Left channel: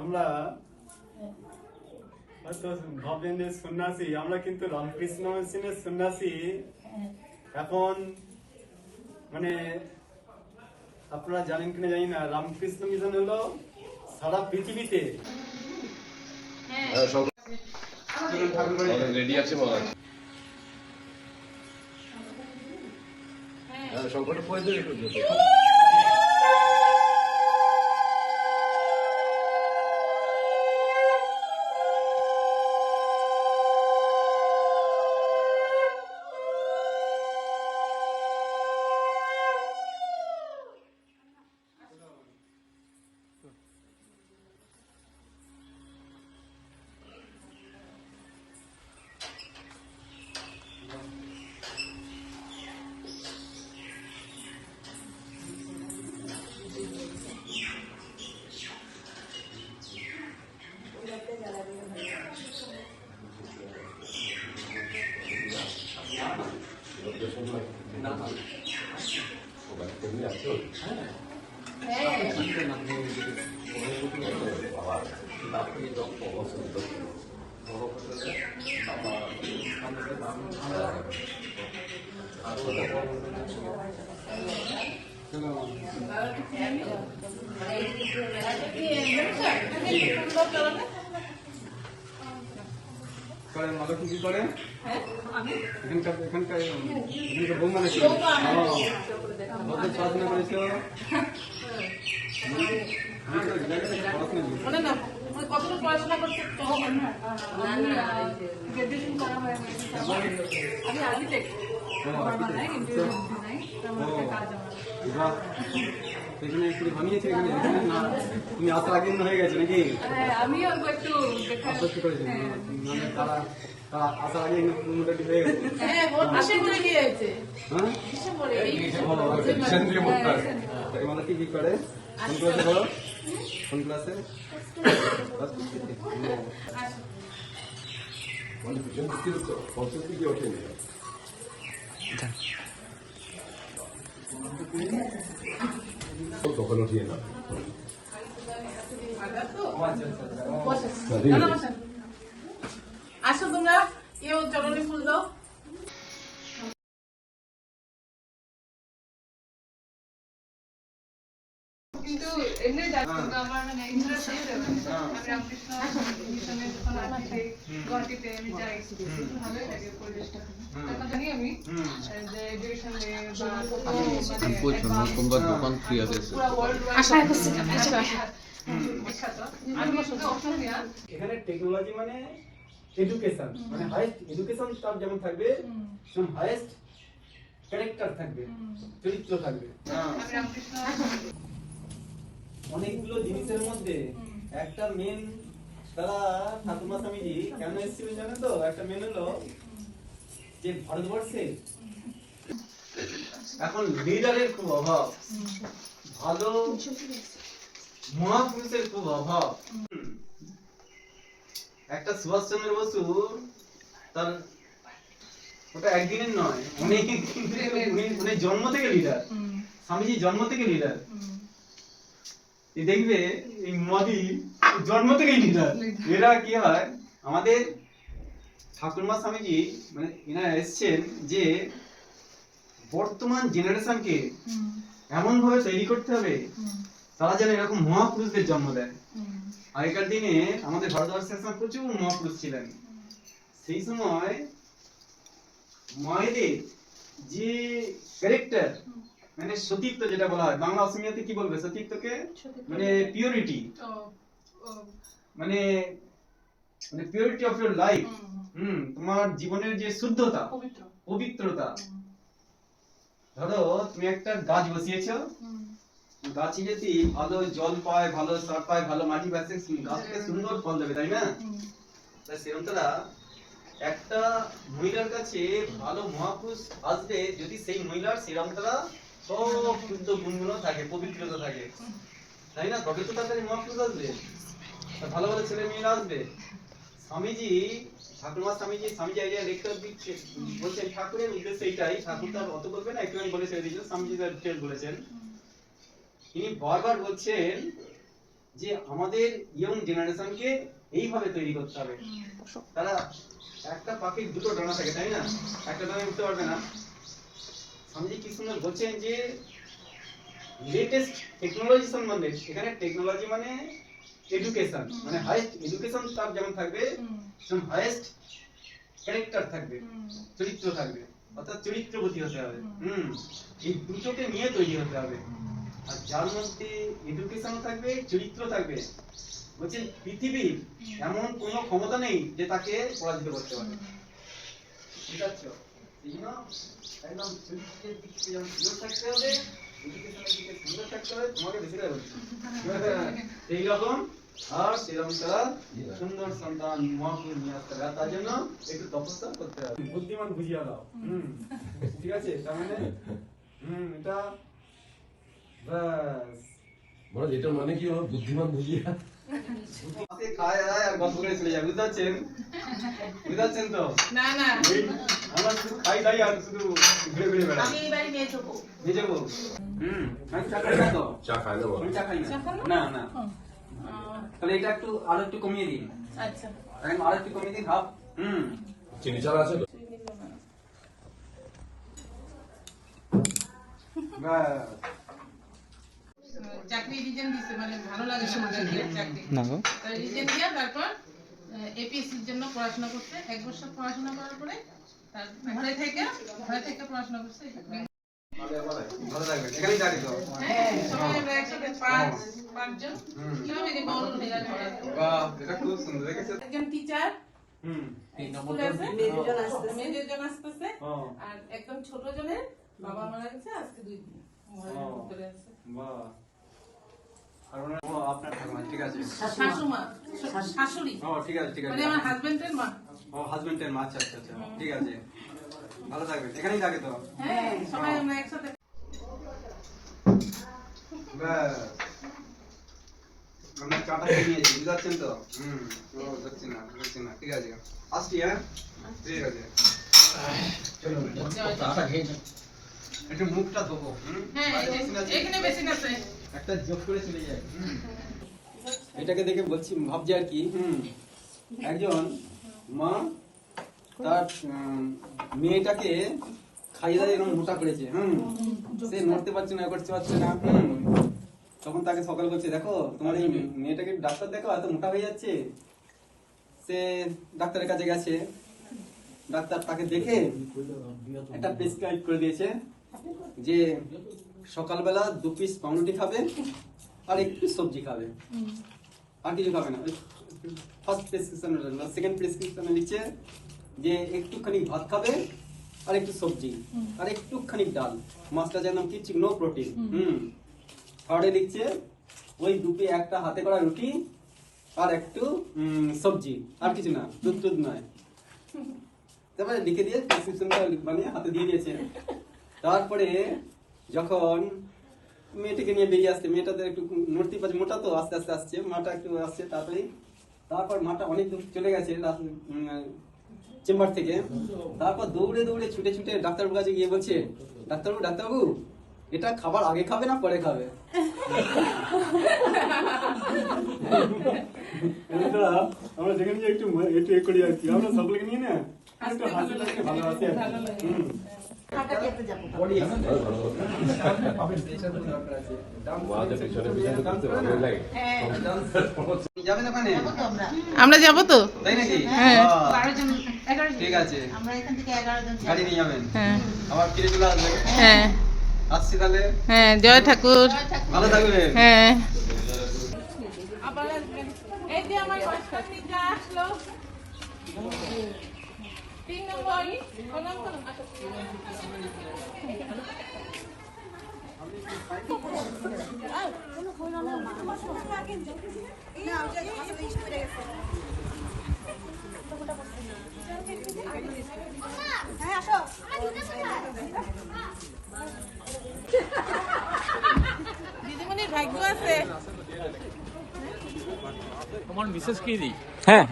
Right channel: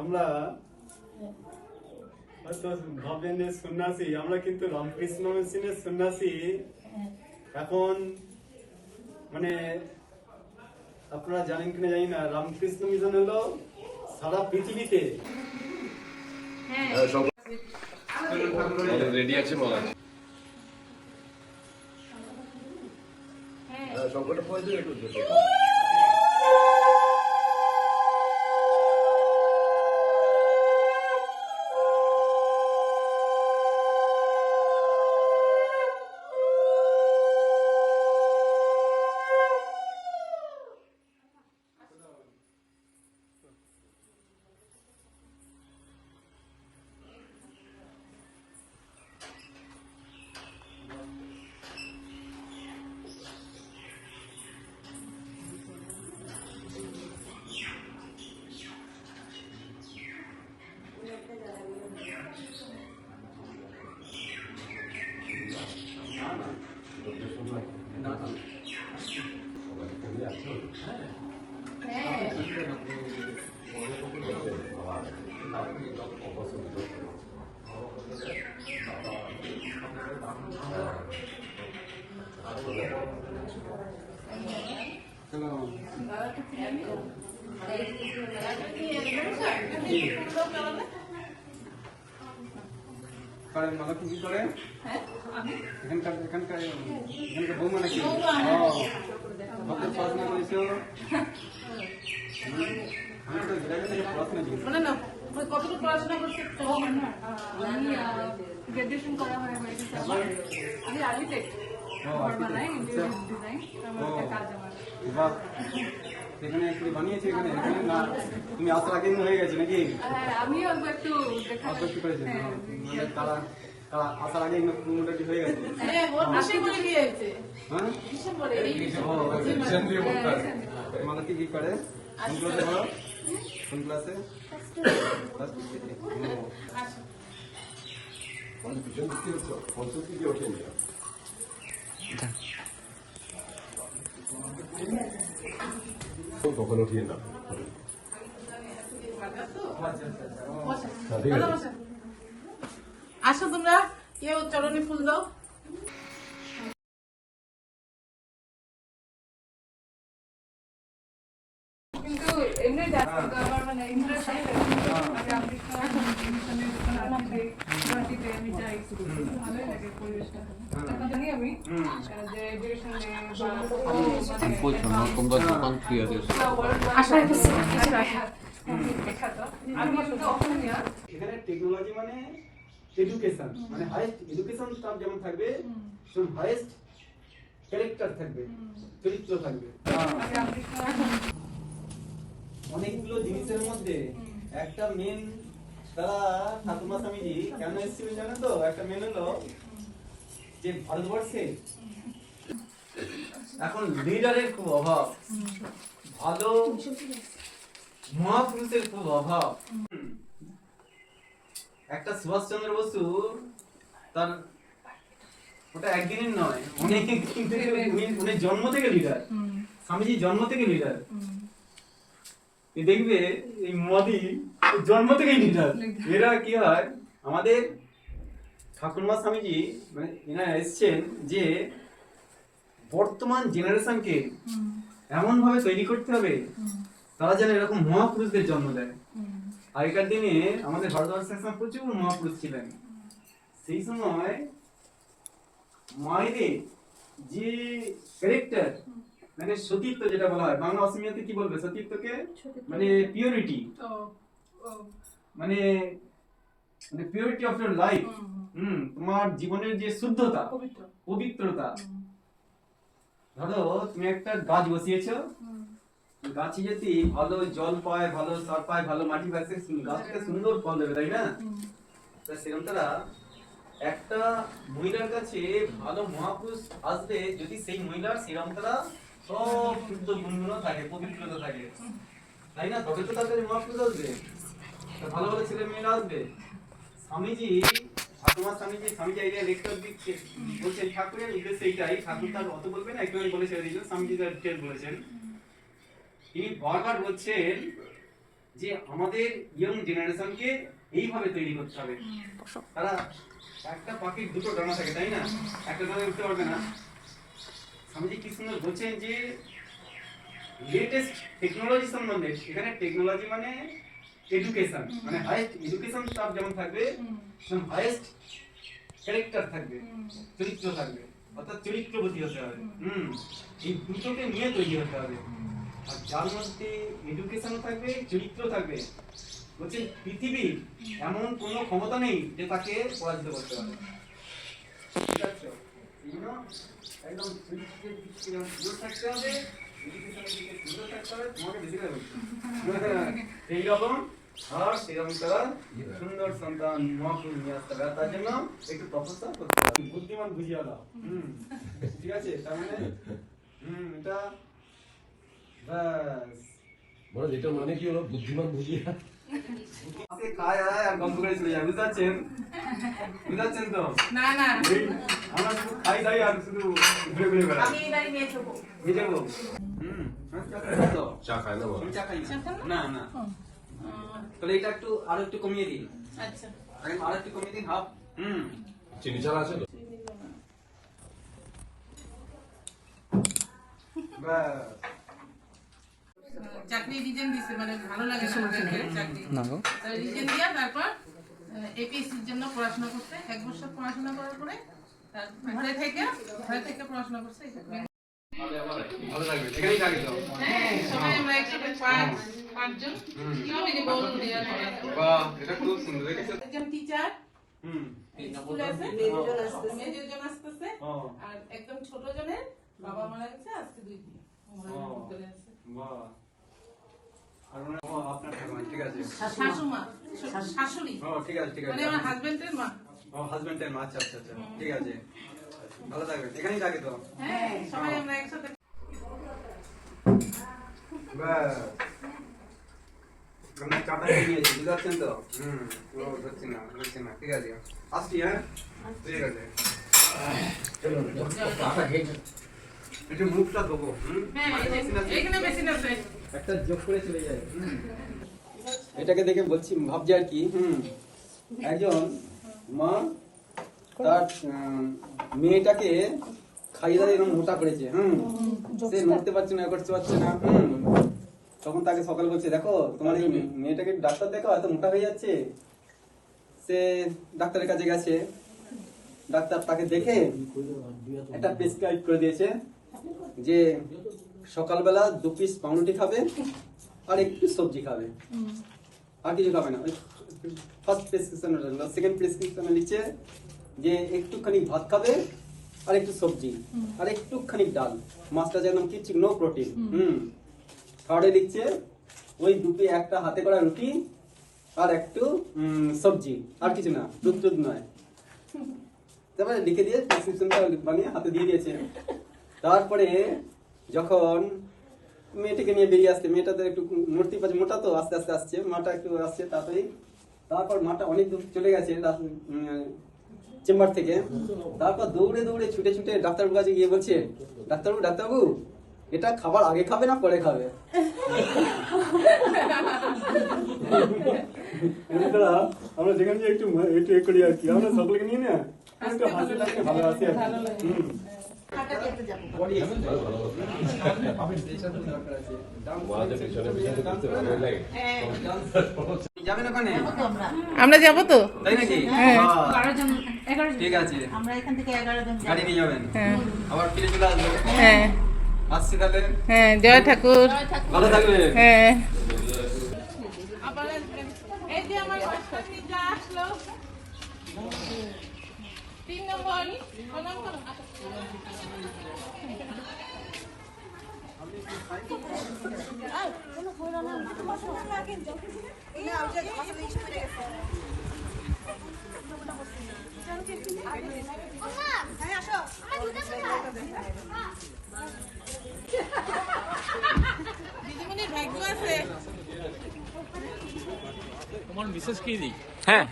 আমরা হয়তো ভাবলেন যে সন্ন্যাসী, আমরা কিন্তু রামকৃষ্ণ মিশনের সন্ন্যাসী। এখন মানে আপনারা জানেন কিনা জানি না, রামকৃষ্ণ মিশন হলো সারা পৃথিবীতে রেডি আছে বলা সবটা পড়ে দিই একটু করেন মালা কি করেন? এখানকার এখানকার এখানকার বৌমা নাকি? পড়াশোনা করেছো? কতটা পড়াশোনা করছে? আমি গ্রাজুয়েশন করা হয়, আমি আর্কিটেক্ট, এখানে বানিয়েছে এখানে এখানে না তুমি আসার আগে হয়ে গেছে নাকি? আমি একটু মানে তারা তারা আসার আগে মোটামুটি হয়ে গেছে। মানে কি কি করে? কোন ক্লাসে বলো? কোন ক্লাসে? তখন উঠিয়ে না আসো তোমরা, কেউ চরণে ফুল দাও। কিন্তু এমনি আমার মানে ইন্টারেস্ট আছে গুয়াহাটিতে, আমি যাই, ভালোই লাগে পরিবেশটা। এখন জানি আমি যে এডুকেশন তোমার দোকান ফ্রি আছে এখানে টেকনোলজি মানে এডুকেশন, মানে হাইয়েস্ট এডুকেশন তার যেমন থাকবে সেরকম হাইয়েস্ট ক্যারেক্টার থাকবে, চরিত্র থাকবে। অনেকগুলো জিনিসের মধ্যে একটা মেন, তারা ঠাকুমা স্বামীজি কেন এসেছিলেন জানেন তো? একটা মেন হলো যে ভারতবর্ষে এখন লিডারের খুব অভাব, ভালো মহাপুরুষের খুব অভাব। একটা সুভাষচন্দ্র বসু, তার ওটা একদিনের নয়, অনেক উনি জন্ম থেকে লিডার, স্বামীজি জন্ম থেকে লিডার। দেখবে এই মোদি জন্ম থেকেই লিডার। এরা কি হয়, আমাদের ঠাকুরমা স্বামীজি মানে এনারা এসছেন যে বর্তমান জেনারেশনকে এমন ভাবে তৈরি করতে হবে তারা যেন এরকম মহাপুরুষদের জন্ম দেয়। আগেকার দিনে আমাদের ভারতবর্ষের প্রচুর মহাপুরুষ ছিলেন। সেই সময় মায়েদের যে ক্যারেক্টার, মানে সতীত্ব যেটা বলা হয়, বাংলা অসমীয়াতে কি বলবে সতীত্বকে? মানে পিউরিটি, মানে মানে পিউরিটি অফ ইওর লাইফ। তোমার জীবনের যে শুদ্ধতা, পবিত্রতা। ধরো তুমি একটা গাছ বসিয়েছো, গাছে যদি ভালো জল পায়, ভালো সার পায়, ভালো মাটি পায়, গাছটা সুন্দর ফল দেবে, তাই না? সেরকম তারা একটা মহিলার কাছে ভালো মহাপুরুষ আসবে যদি সেই মহিলার সেরকম তারা সব শুদ্ধ গুণগুলো থাকে, পবিত্রতা থাকে, তাই না? তবে তো তার কাছে মহাপুরুষ আসবে, ভালো ভালো ছেলে মেয়েরা আসবে। স্বামীজি ঠাকুমা স্বামীজি এই লেকচার দিচ্ছে, বলছেন ঠাকুরের উদ্দেশ্য এইটাই। ঠাকুর তার অত বলবে না, একটু বলে ছেড়ে দিয়েছিল, স্বামীজি তার ডিটেল বলেছেন। তিনি বারবার বলছেন যে আমাদের ইয়ং জেনারেশনকে এইভাবে তৈরি করতে হবে। তারা একটা পাখির দুটো ডানা থাকে, তাই না? একটা ডানা উঠতে পারবে না। স্বামীজি কি সুন্দর বলছেন যে লেটেস্ট টেকনোলজি সম্বন্ধে, এখানে টেকনোলজি মানে এডুকেশন, মানে হাইয়েস্ট এডুকেশন তার যেমন থাকবে, সেরকম হাইয়েস্ট ক্যারেক্টার থাকবে, চরিত্র থাকবে, অর্থাৎ চরিত্রবতী হতে হবে। এই দুটোকে নিয়ে তৈরি হতে হবে। আর যার মধ্যে এডুকেশন থাকবে, চরিত্র থাকবে, বলছে পৃথিবীর এমন কোনো ক্ষমতা নেই যে তাকে পরাজিত করতে পারে। ঠিক আছে? এই জন্য একদম চরিত্রের দিক থেকে যেমন সুন্দর থাকতে হবে, এডুকেশনের দিকে সুন্দর থাকতে হবে, তোমাকে বেশি করে বলছি এইরকম। আর সেরকম তারা সুন্দর সন্তান মহাপুর নিয়ে আসতে হবে, তার জন্য একটু তপস্যা করতে হবে। বুদ্ধিমান বুঝিয়ে দাও। ঠিক আছে? তার মানে এটা বাস মানে যেটা মানে কি হলো বুদ্ধিমান বুঝিয়া আপনি খায় আর গল্প করে চলে যায়, বুঝতে পারছেন? বুঝতে পারছেন তো? না না আমরা শুধু খাই খাই আর শুধু ঘুরে ঘুরে বেড়াই। আমি এবারে নিয়ে যাবো। নিয়ে যাবো? আমি চা খাই না তো। চা খাই না আমি চা খাই না। চা খান না না। তাহলে এটা একটু আরো একটু কমিয়ে দিন। আচ্ছা এখন আরো একটু কমিয়ে দিন, হাফ। চিনি চা আছে তো? বাস। চাকরি রিজেন দিছে, মানে ভালো লাগে আমাদেরকে চাকরি। তাই রিজেন দিয়া তারপর এপিএসসির জন্য পড়াশোনা করতে 1 বছর পড়াশোনা করার পরে তার ঘরে থেকে পড়াশোনা করতে। ভালো থাকবেন, এখানেই থাকি তো। হ্যাঁ সবাই আমরা একসাথে পাঁচজন কিভাবে যে বড় দেওয়ার পড়া। বাহ, এটা খুব সুন্দর দেখেছো? একজন টিচার স্কুলে আছে, মেজরজন আসতেছে, হ্যাঁ। আর একদম ছোট জনের বাবা মারা গেছে আজকে 2 দিন। বাহ। আর আপনার ঠাকুমা, ঠিক আছে? শাশুমা, শাশুড়ি, ঠিক আছে, ঠিক আছে। মানে আমার হাজবেন্ডের মা। হাজবেন্ডের মা, আচ্ছা আচ্ছা আচ্ছা, ঠিক আছে। ভালো থাকবেন, এখানেই থাকে তো। হ্যাঁ সবাই আমরা একসাথে। ব্যাস। আমরা চাটা খেয়ে নিয়েছি, বুঝতে পারছেন তো? ধরছি না, ঠিক আছে। আসছি, হ্যাঁ? ঠিক আছে। একটু মুখটা দেবো। হ্যাঁ এখানে বেশি না আছে। একটা যোগ করে চলে যায়। এটাকে দেখে বলছি, ভাবছি আর কি, একজন মা তার মেয়েটাকে খাইয়ে দাঁড়িয়ে এরকম মোটা করেছে। সে নড়তে পারছে না, করতে পারছে না। তখন তাকে সকালে বলছে, দেখো তোমার এই মেয়েটাকে ডাক্তার দেখো, এত মোটা হয়ে যাচ্ছে। সে ডাক্তারের কাছে গেছে, ডাক্তার তাকে দেখে একটা প্রেসক্রাইব করে দিয়েছে যে সকালবেলা 2 পিস পাউরুটি খাবে আর একটু সবজি খাবে, আর কিছু খাবে না। ফার্স্ট প্রেসক্রিপশন, সেকেন্ড প্রেসক্রিপশনে লিখছে যে একটুখানি ভাত খাবে আর একটু সবজি আর একটুখানি ডাল, মাছটা যেন কিচ্ছু, নো প্রোটিন। থার্ডে লিখছে ওই দুপে একটা হাতে করা রুটি আর একটু সবজি, আর কিছু না, দুধ নয়। তারপরে লিখে দিয়ে প্রেসক্রিপশনটা বানিয়ে হাতে দিয়ে দিয়েছে। তারপরে যখন মেয়েটাকে নিয়ে বেরিয়ে আসছে, মেয়েটা তো একটু মূর্তি পাচ্ছে, মোটা তো আস্তে আস্তে আসছে, মাটা একটু আসছে তাড়াতাড়ি। তারপর মাটা অনেক দূর চলে গেছে চেম্বার থেকে। তারপর দৌড়ে দৌড়ে ছুটে ছুটে ডাক্তারবাবুর কাছে গিয়ে বলছে, ডাক্তারবাবু এটা খাবার আগে খাবে না পরে খাবে? আমরা দেখেন যে একটু করি আর কি, আমরা সকলকে নিয়ে না একটু হাসি লাগলে ভালো আছে আর কি। যাবেন ওখানে? আমরা যাবো তো। তাই নাকি? হ্যাঁ। ঠিক আছে, আমরা এখান থেকে 11 জন গাড়ি নিয়ে যাবেন, হ্যাঁ আবার ফিরে চলে আসবেন। হ্যাঁ আসছি তাহলে, হ্যাঁ জয় ঠাকুর। ভালো থাকবেন। হ্যাঁ আবার এই যে আমার বাচ্চা পিতা আসলো 3 নম্বর প্রণাম করুন। দিদিমণির ভাগ্য আছে। তোমার মিসেস কি দিই? হ্যাঁ